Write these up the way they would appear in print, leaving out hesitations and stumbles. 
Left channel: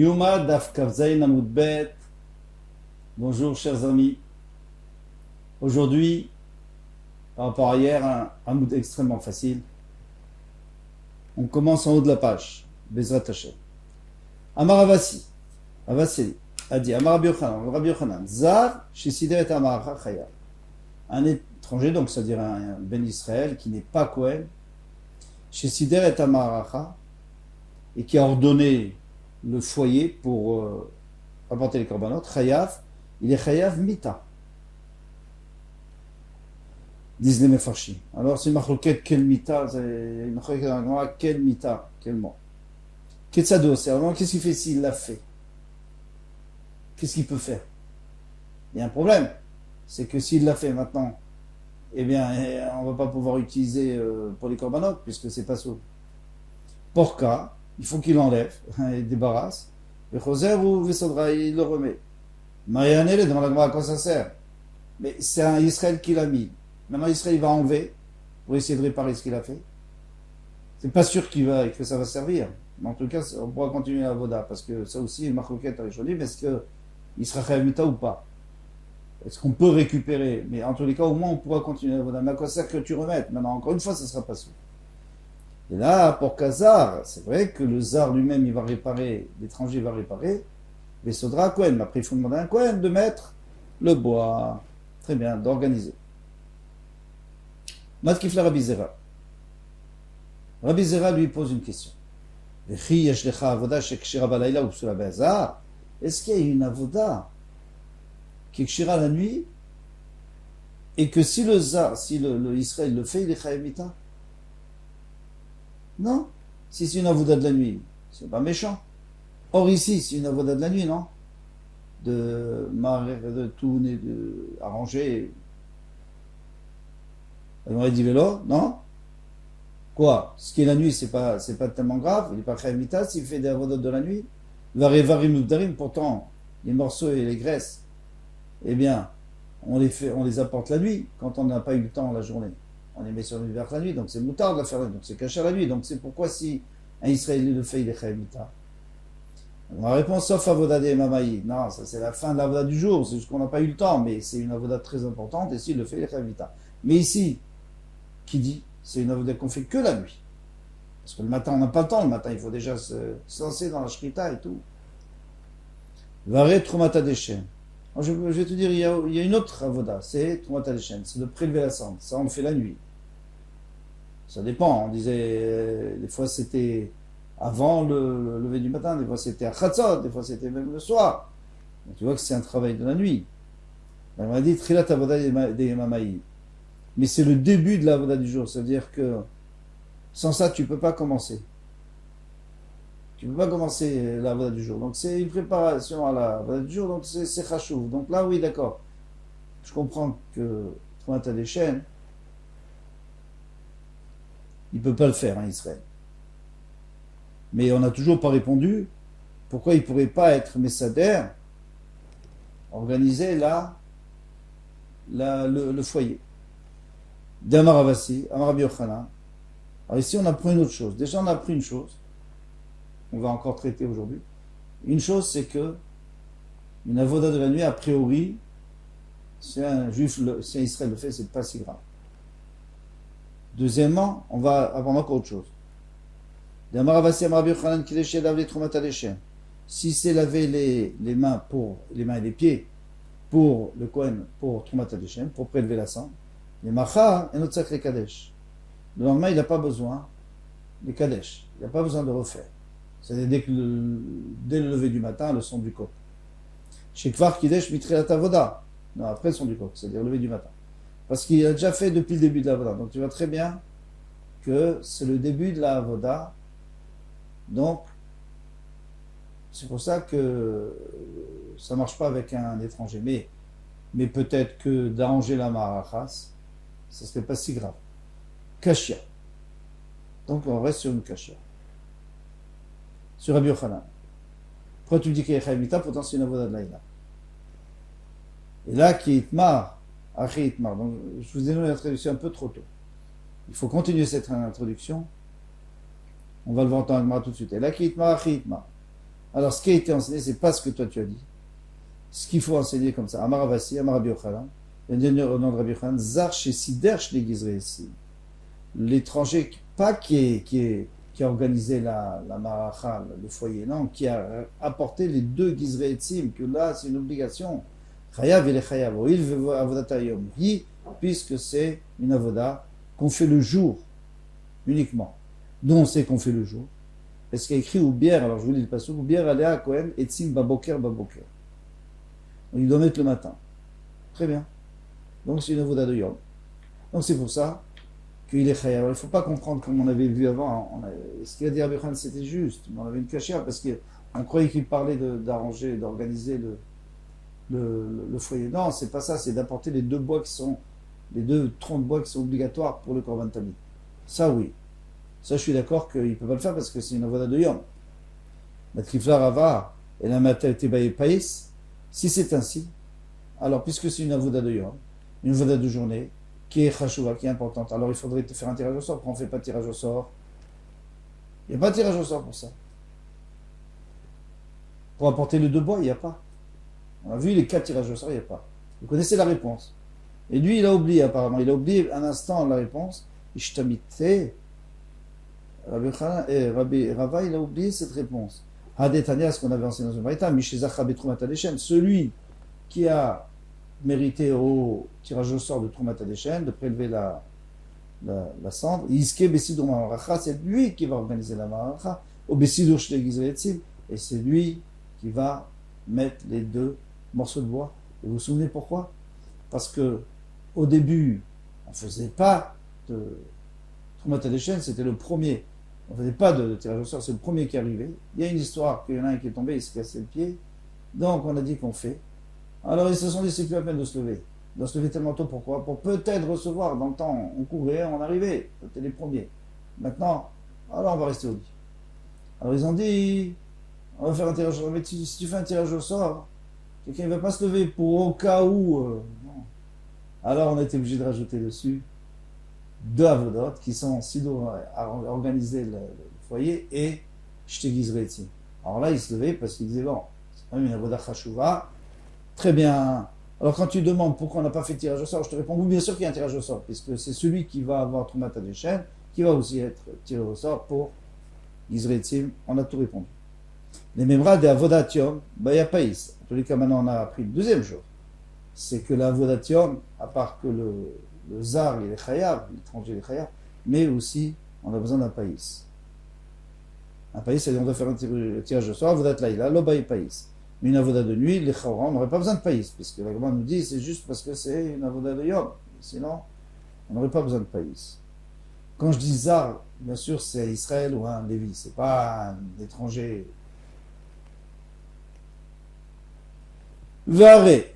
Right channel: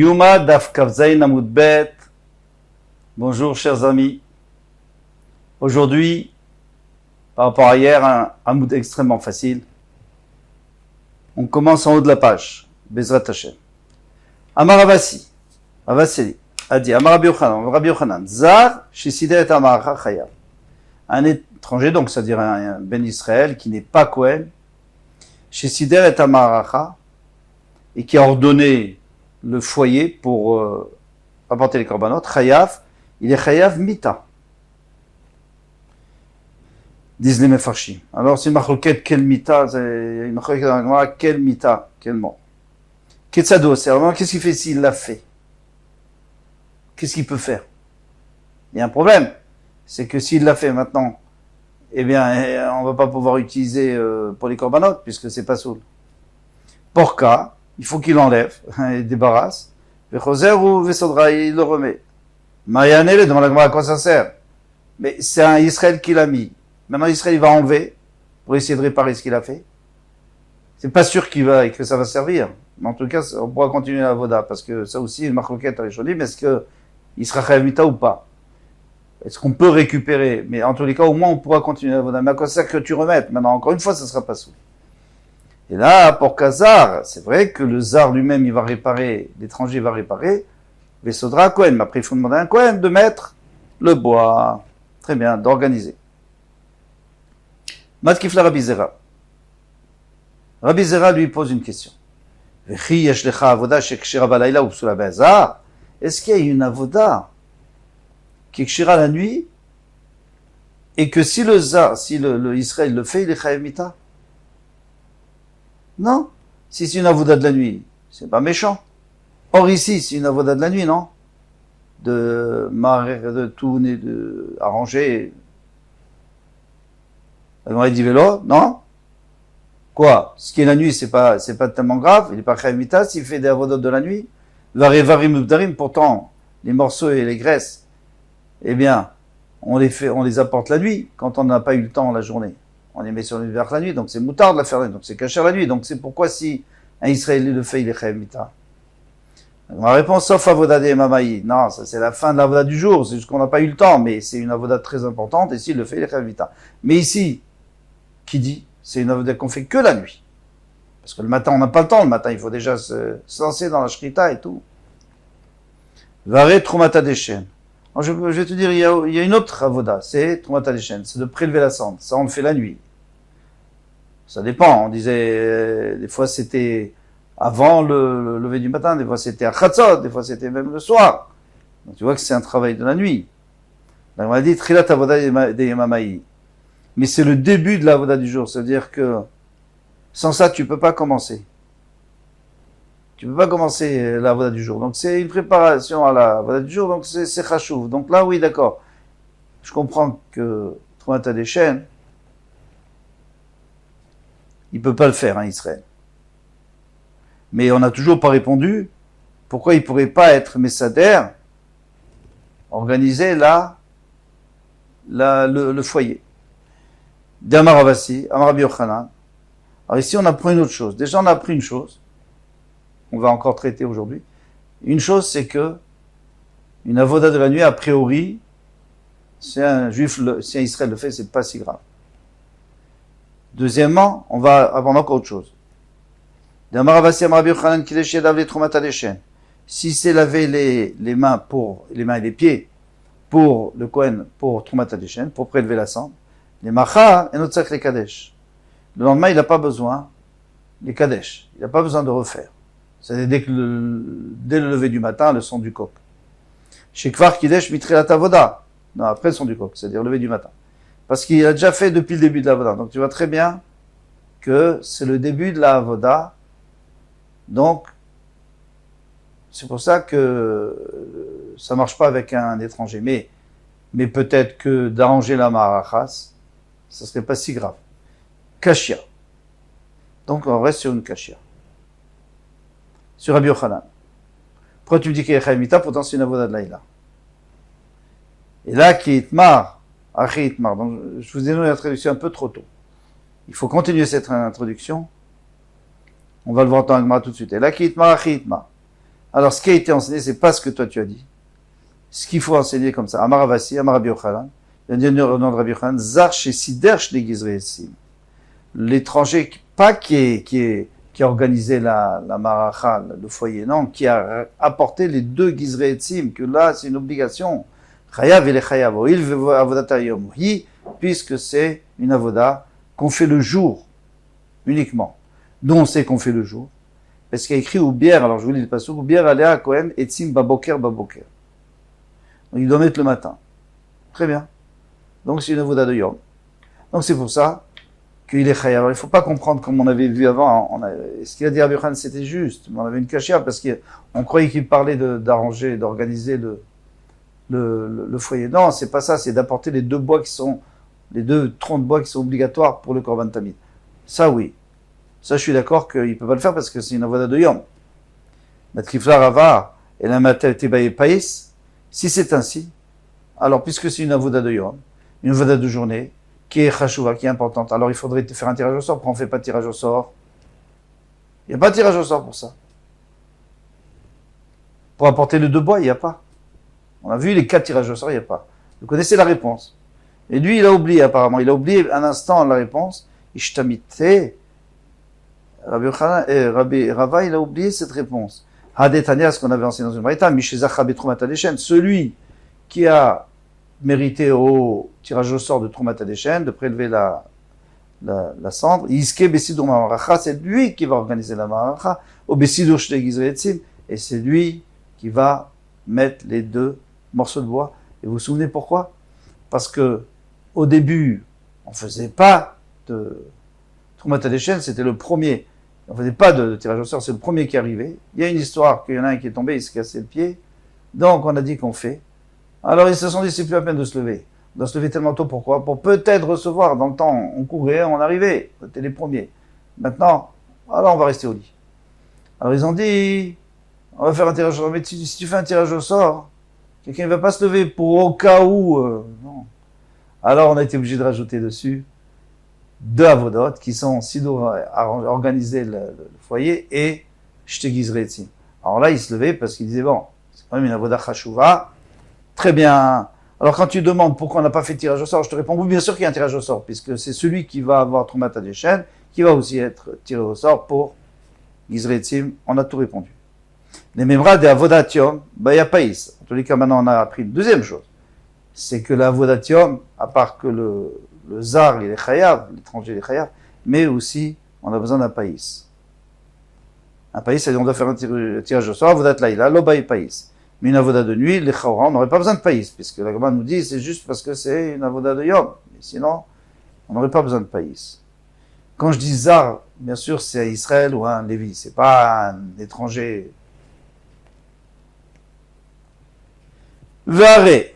Yuma Daf Kavzaïn Amud Bet. Bonjour chers amis. Aujourd'hui, par rapport à hier, un Amud extrêmement facile. On commence en haut de la page. Bezrat Hashem. Amar Avasi. Avaseli. A dit Amar Rabbi Yochanan. Zar Shisider et Amar Chayav. Un étranger, donc c'est-à-dire un Ben Israël qui n'est pas Kohen. Shisider et Amar et qui a ordonné le foyer pour apporter les korbanot, Chayav, il est Chayav Mita. Disent les Mefarshim. Alors c'est une marloquette, quel Mita, une marloquette dans la Gemara, quel Mita, quel mot. Ketzado, c'est vraiment, qu'est-ce qu'il fait s'il l'a fait? Qu'est-ce qu'il peut faire? Il y a un problème, c'est que s'il l'a fait maintenant, eh bien, on ne va pas pouvoir utiliser pour les korbanot, puisque c'est pas soul. Porka, il faut qu'il enlève, il débarrasse. Vechoser ou Vesodra, il le remet. Marianelle, demande à quoi ça sert. Mais c'est un Israël qui l'a mis. Maintenant, Israël, il va enlever pour essayer de réparer ce qu'il a fait. C'est pas sûr que ça va servir. Mais en tout cas, on pourra continuer la voda, parce que ça aussi, une marcoquette avec Cholim, est-ce qu'il sera Chayavita ou pas? Est-ce qu'on peut récupérer? Mais en tous les cas, au moins, on pourra continuer la voda. Mais à quoi ça sert que tu remettes? Maintenant, encore une fois, ça sera pas sous. Et là, pour Kazar, c'est vrai que le Zar lui-même, il va réparer, l'étranger va réparer, Vesodra à Kohen. Mais après, il faut demander à un Kohen de mettre le bois. Très bien, d'organiser. Matkifla Rabbi Zera. Rabbi Zera lui pose une question. Est-ce qu'il y a une avoda qui est kshira la nuit et que si le Zar, si le Israël le fait, il est chayav mita? Non. Si c'est une avoda de la nuit, c'est pas méchant. Or ici, c'est une avoda de la nuit, non? De tourner, de arranger. On dit vélo, non? Quoi? Ce qui est la nuit, c'est pas tellement grave. Il n'est pas chayav mita s'il fait des avodas de la nuit. Pourtant, les morceaux et les graisses, eh bien, on les apporte la nuit, quand on n'a pas eu le temps la journée. On les met sur l'univers la nuit, donc c'est moutard de la faire la nuit, donc c'est caché la nuit. Donc c'est pourquoi si un Israélien le fait, il est chayav mita. Ma réponse, sauf avoda des mamaï. Non, ça c'est la fin de l'avoda du jour, c'est juste qu'on n'a pas eu le temps, mais c'est une avoda très importante, et s'il le fait, il est chayav mita. Mais ici, qui dit? C'est une avoda qu'on fait que la nuit. Parce que le matin, on n'a pas le temps, le matin, il faut déjà se lancer dans la shrita et tout. Varé trumata deshen. Je vais te dire, il y a une autre avoda, c'est trumata deshen, c'est de prélever la cendre. Ça, on le fait la nuit. Ça dépend, on disait, des fois c'était avant le lever du matin, des fois c'était à Chatzot, des fois c'était même le soir. Donc tu vois que c'est un travail de la nuit. Donc on a dit, trilat avoda des mamaï. Mais c'est le début de l'avoda du jour, c'est-à-dire que sans ça, tu peux pas commencer. Tu peux pas commencer la voda du jour. Donc c'est une préparation à la voda du jour, donc c'est chachouv. Donc là, oui, d'accord. Je comprends que Trumata des chaînes, il peut pas le faire, hein, Israël. Mais on n'a toujours pas répondu pourquoi il pourrait pas être Messader, organiser le foyer. D'Amar Avasi, Amar Rabbi Yochanan. Alors ici, on apprend une autre chose. Déjà, on a appris une chose. On va encore traiter aujourd'hui. Une chose, c'est que une avoda de la nuit, a priori, si un Israël le fait, c'est pas si grave. Deuxièmement, on va apprendre encore autre chose. Si c'est laver les mains et les pieds pour le Kohen, pour Trumata Deshen, pour prélever la cendre, les macha et notre les kadesh. Le lendemain, il n'a pas besoin des kadesh. Il n'a pas besoin de refaire. C'est-à-dire dès le lever du matin, le son du coq. Chez Kvar Kidesh Mitrelat Avoda. Non, après le son du coq, c'est-à-dire le lever du matin. Parce qu'il a déjà fait depuis le début de la Avoda. Donc tu vois très bien que c'est le début de la Avoda. Donc, c'est pour ça que ça ne marche pas avec un étranger. Mais peut-être que d'arranger la marachas, ça ne serait pas si grave. Kashia. Donc on reste sur une kashia. Sur Rabbi Yochanan. Pourquoi tu me dis qu'il est chayav mita, pourtant c'est une avoda de laïla. Et là, qui itmar, achi itmar. Donc je vous ai donné la traduction un peu trop tôt. Il faut continuer cette introduction. On va le voir dans l'Agmara tout de suite. Et là, qui itmar, achi itmar. Alors, ce qui a été enseigné, c'est pas ce que toi tu as dit. Ce qu'il faut enseigner comme ça. Amar Avasi, Amar Rabbi Yochanan, il y a un nom de Rabbi Yochanan, Zar chez Sider Shnegizreesim. L'étranger, pas qui a organisé la maracha, le foyer, non, qui a apporté les deux Gizreetzim, que là, c'est une obligation. Chayav et les Chayav, il veut Avodat Yom, puisque c'est une avoda qu'on fait le jour, uniquement. D'où on sait qu'on fait le jour. Parce qu'il y a écrit ou bière, alors je vous lis le passage, ou bière alea Kohen etzim baboker baboker. Donc il doit mettre le matin. Très bien. Donc c'est une avoda de Yom. Donc c'est pour ça qu'il est chayav. Alors il ne faut pas comprendre comme on avait vu avant. Ce qu'il a dit à Rabbi Yochanan, c'était juste. Mais on avait une cachia parce qu'on croyait qu'il parlait d'arranger, d'organiser le foyer. Non, c'est pas ça. C'est d'apporter les deux troncs de bois qui sont obligatoires pour le korban tamid. Ça oui. Ça, je suis d'accord qu'il ne peut pas le faire parce que c'est une avoda de Yom. Matrifla Rava et la Matel Tebaye Païs, si c'est ainsi, alors puisque c'est une avoda de Yom, une avoda de journée, qui est chashouva, qui est importante, alors il faudrait faire un tirage au sort. Pourquoi on ne fait pas de tirage au sort? Il n'y a pas de tirage au sort pour ça. Pour apporter le deux bois, il n'y a pas. On a vu les 4 tirages au sort, il n'y a pas. Vous connaissez la réponse. Et lui, il a oublié apparemment. Il a oublié un instant la réponse. Ishtamite. Rabbi Rava, il a oublié cette réponse. Hadetania, ce qu'on avait enseigné dans une braïta, Mishezacha betrumat hadeshen, celui qui a mérité au tirage au sort de Trumat hadeshen, de prélever la cendre, Iske besidur ma'aracha, c'est lui qui va organiser la ma'aracha, au besidur shtei gizreetzim, et c'est lui qui va mettre les 2 morceaux de bois. Et vous vous souvenez pourquoi? Parce que au début, on ne faisait pas de Trumat hadeshen, c'était le premier. On ne faisait pas de tirage au sort, c'est le premier qui arrivait. Il y a une histoire qu'il y en a un qui est tombé, il s'est cassé le pied. Donc on a dit qu'on fait. Alors ils se sont dit, c'est plus la peine de se lever. On doit se lever tellement tôt, pourquoi? Pour peut-être recevoir. Dans le temps, on courait, on arrivait. On était les premiers. Maintenant, alors on va rester au lit. Alors ils ont dit, on va faire un tirage au sort. Mais si tu fais un tirage au sort, quelqu'un ne va pas se lever pour au cas où. Non. Alors on a été obligé de rajouter dessus 2 avodot qui sont sido à organiser le foyer et shtei. Alors là, il se levait parce qu'il disait, bon, c'est quand même une avoda chashouva. Très bien. Alors quand tu demandes pourquoi on n'a pas fait de tirage au sort, je te réponds, oui, bien sûr qu'il y a un tirage au sort, puisque c'est celui qui va avoir Trumat hadeshen, qui va aussi être tiré au sort pour Gizreetzim. On a tout répondu. Les memra de avodatium, il n'y a pas is. En tous les cas, maintenant, on a appris une deuxième chose. C'est que l'avodatium, à part que le zar, il est chayav, l'étranger, il est chayav, mais aussi, on a besoin d'un païs. Un païs, c'est-à-dire on doit faire un tirage au sort, avodat laïla, l'obaï païs. Mais une avoda de nuit, les chawra, on n'aurait pas besoin de païs, puisque la Gemara nous dit c'est juste parce que c'est une avoda de yom. Mais sinon, on n'aurait pas besoin de païs. Quand je dis zar, bien sûr, c'est un Israël ou un Lévi, c'est pas un étranger. Varé,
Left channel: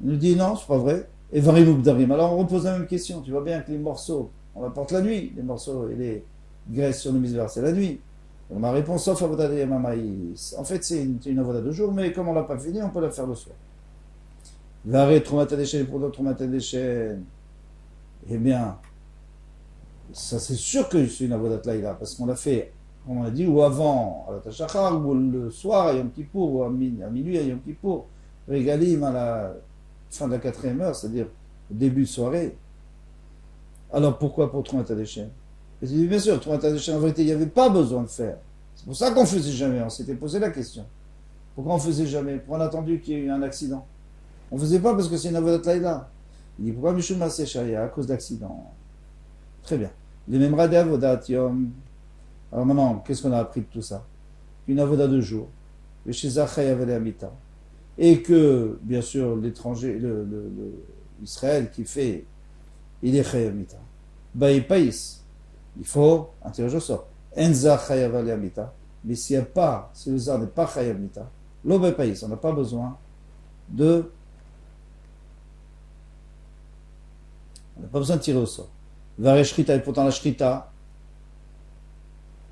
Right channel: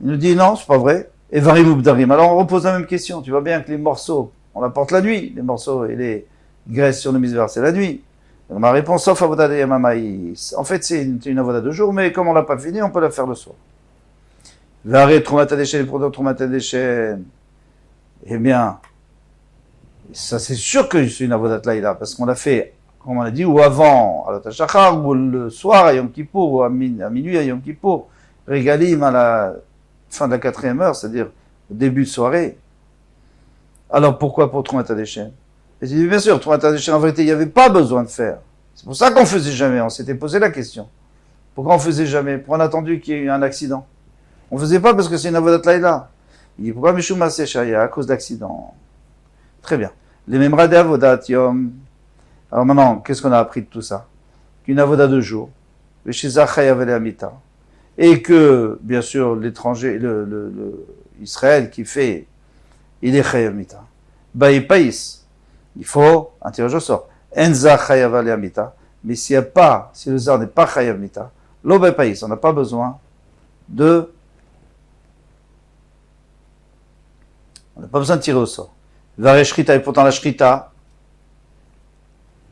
il nous dit non, c'est pas vrai. Et varim ubdarim. Alors on repose la même question. Tu vois bien que les morceaux, on apporte la nuit, les morceaux et les graisses sur le misver, c'est la nuit. Donc ma réponse, sauf avoda de yamamaïs. En fait, c'est une avoda de jour, mais comme on l'a pas fini, on peut la faire le soir. Varé, Trumat hadeshen, produit Trumat hadeshen. Eh bien, ça c'est sûr que c'est une avodat laïla, parce qu'on l'a fait, comme on l'a dit, ou avant, à la Tachachar, ou le soir à Yom Kippour, ou à minuit à Yom Kippour, régalim à la fin de la 4e heure, c'est-à-dire au début de soirée. Alors pourquoi pour Trumat hadeshen? Et j'ai dit, bien sûr, Trumat hadeshen, en vérité, il n'y avait pas besoin de faire. C'est pour ça qu'on ne faisait jamais, on s'était posé la question. Pourquoi on ne faisait jamais? Pourquoi on a attendu qu'il y ait eu un accident? On ne faisait pas parce que c'est une avodat laïla. Il dit, pourquoi Mishum Maseshaya, à cause d'accident? Très bien. Les memra de avodat yom. Alors maintenant, qu'est-ce qu'on a appris de tout ça? Qu'une avoda de jour, et que, bien sûr, l'étranger, Israël qui fait, il est chayav mita. Baïpaïs, il faut un tirage au sort. Enza chayav mita. Mais s'il n'y a pas, si le zar n'est pas chayav mita, lo baïpaïs, on n'a pas besoin de, on n'a pas besoin de tirer au sort. Varé shrita, et pourtant la shrita,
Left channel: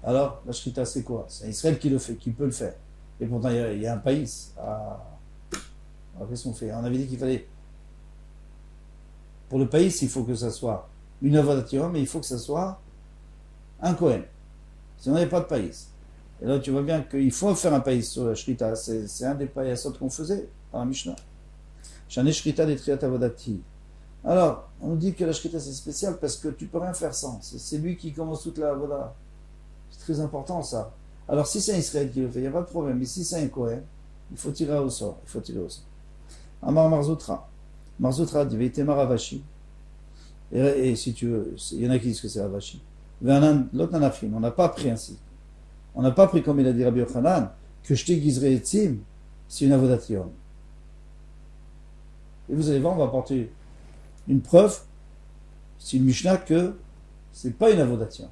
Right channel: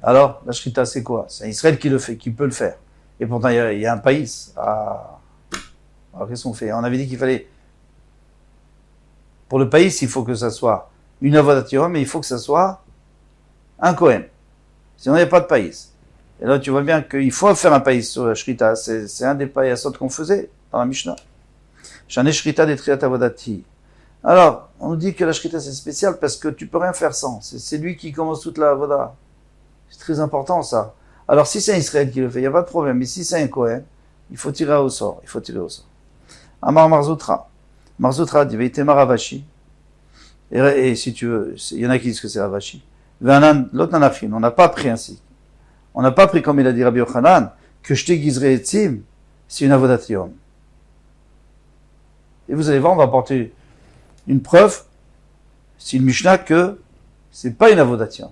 alors, la shrita, c'est quoi? C'est Israël qui le fait, qui peut le faire. Et pourtant, il y a un pays. Alors, qu'est-ce qu'on fait? On avait dit qu'il fallait... Pour le pays, il faut que ça soit une avodat yom, mais il faut que ça soit un Kohen. Sinon, il n'y a pas de pays. Et là, tu vois bien qu'il faut faire un païs sur la shrita. C'est un des païsot qu'on faisait dans la Mishnah. J'en ai shrita des triat avodati. Alors, on nous dit que la shrita c'est spécial parce que tu peux rien faire sans. C'est lui qui commence toute la avoda. C'est très important ça. Alors, si c'est un Israël qui le fait, il n'y a pas de problème. Mais si c'est un Kohen, il faut tirer au sort. Il faut tirer au sort. Amar Marzoutra. Marzoutra dit Veitemar Ravashi. Et si tu veux, il y en a qui disent que c'est Ravashi. L'autre nanafin. On n'a pas pris ainsi. On n'a pas pris comme il a dit Rabbi Yochanan que je t'aiguiserai etzim, c'est une avodat yom. Et vous allez voir, on va apporter une preuve, c'est une Mishnah que c'est pas une avodat yom.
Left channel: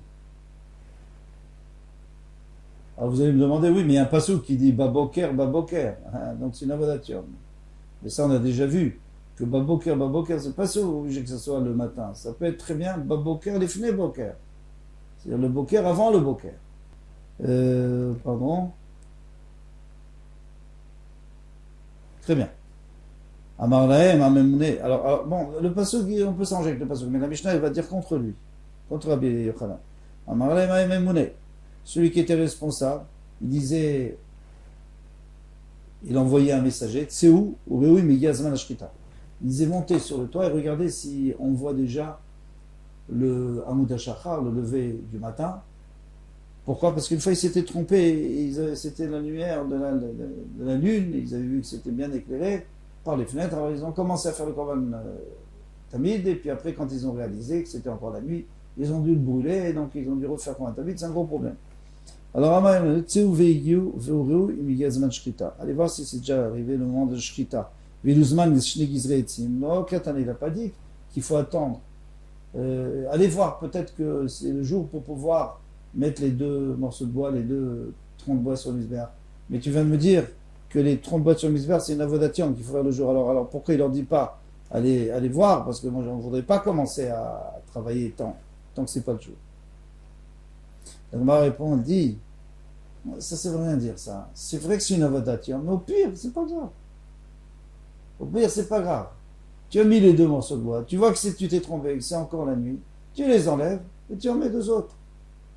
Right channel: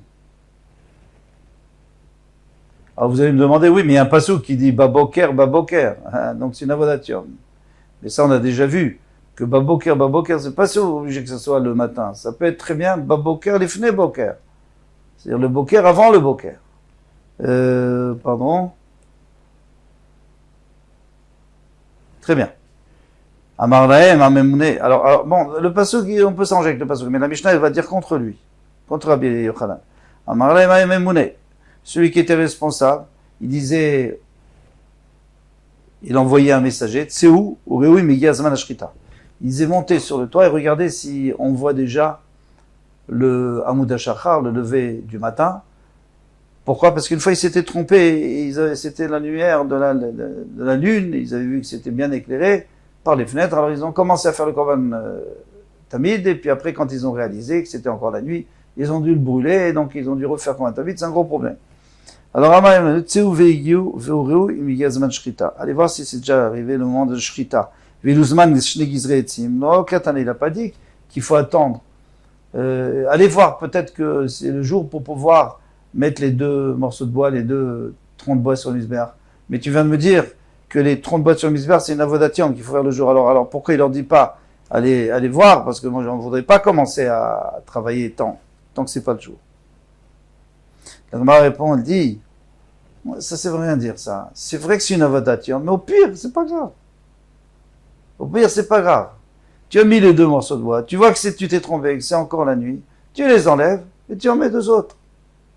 Alors vous allez me demander, oui, mais il y a un passouk qui dit Baboker, Baboker. Donc c'est une avodat yom. Mais ça, on a déjà vu que Baboker, Baboker, c'est pas obligé que ce soit le matin. Ça peut être très bien Baboker, Lifnei Boker. C'est-à-dire le Boker avant le Boker. Pardon. Très bien. Amar Lahem, Amemouné. Alors, bon, le passouk, on peut s'arranger avec le passouk, mais la Mishnah, elle va dire contre lui. Contre Rabbi Yochanan. Amar Lahem, Amemouné. Celui qui était responsable, il disait, il envoyait un messager, Tseou, ou Reoui, Migi Azman Ashrita. Il disait, montez sur le toit et regardez si on voit déjà le Hamoud HaShachar, le lever du matin. Pourquoi? Parce qu'une fois, ils s'étaient trompés, c'était la lumière de la lune, ils avaient vu que c'était bien éclairé par les fenêtres, alors ils ont commencé à faire le Korban Tamid, et puis après, quand ils ont réalisé que c'était encore la nuit, ils ont dû le brûler, et donc ils ont dû refaire Korban Tamid, c'est un gros problème. Alors, allez voir si c'est déjà arrivé le moment de Shrita. Non, il n'a pas dit qu'il faut attendre. Allez voir, peut-être que c'est le jour pour pouvoir mettre les deux morceaux de bois, les deux troncs de bois sur le misbéach. Mais tu viens de me dire que les troncs de bois sur le misbéach, c'est une avodatien qu'il faut faire le jour. Alors pourquoi il leur dit pas allez voir? Parce que moi, je ne voudrais pas commencer à travailler tant que c'est pas le jour. La Gemara répond, elle dit, ça c'est rien dire ça. C'est vrai que c'est une avodatien, mais au pire, c'est pas grave. Au pire, c'est pas grave. Tu as mis les deux morceaux de bois, tu vois que tu t'es trompé, que c'est encore la nuit, tu les enlèves et tu en mets deux autres.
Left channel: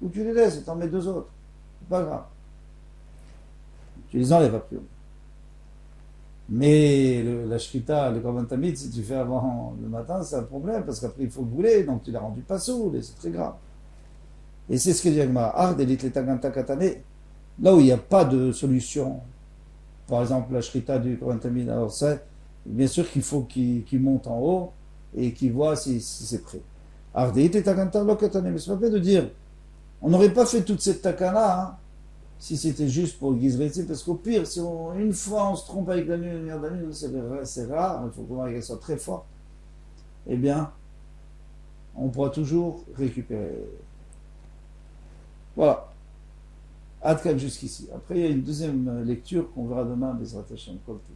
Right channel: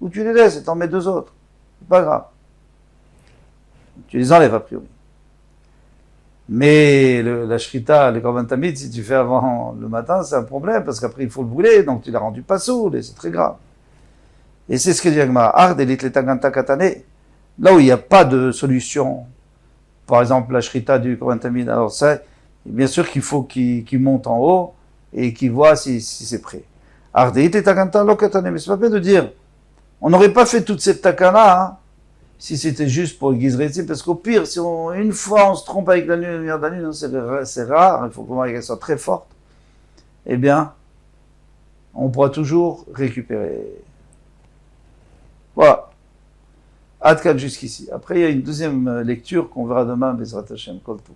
Ou tu les laisses et t'en mets deux autres. C'est pas grave. Tu les enlèves a priori. Mais la shrita, le korban tamid, si tu fais avant le matin, c'est un problème, parce qu'après il faut le brûler, donc tu l'as rendu pas sourd, et c'est très grave. Et c'est ce que dit Agmara. Ard elit letaganta katane. Là où il n'y a pas de solution, par exemple la shrita du korban tamid, alors ça, bien sûr qu'il faut qu'il monte en haut, et qu'il voit si c'est prêt. Ard elit letaganta lo katane. Mais c'est pas peine de dire, on n'aurait pas fait toute cette takana si c'était juste pour Gizreti, parce qu'au pire, si une fois on se trompe avec la lumière de la nuit, c'est rare, il faut qu'elle soit très forte, eh bien, on pourra toujours récupérer. Voilà. Adkan jusqu'ici. Après, il y a une deuxième lecture qu'on verra demain, Bezrat Hashem Kol Tov.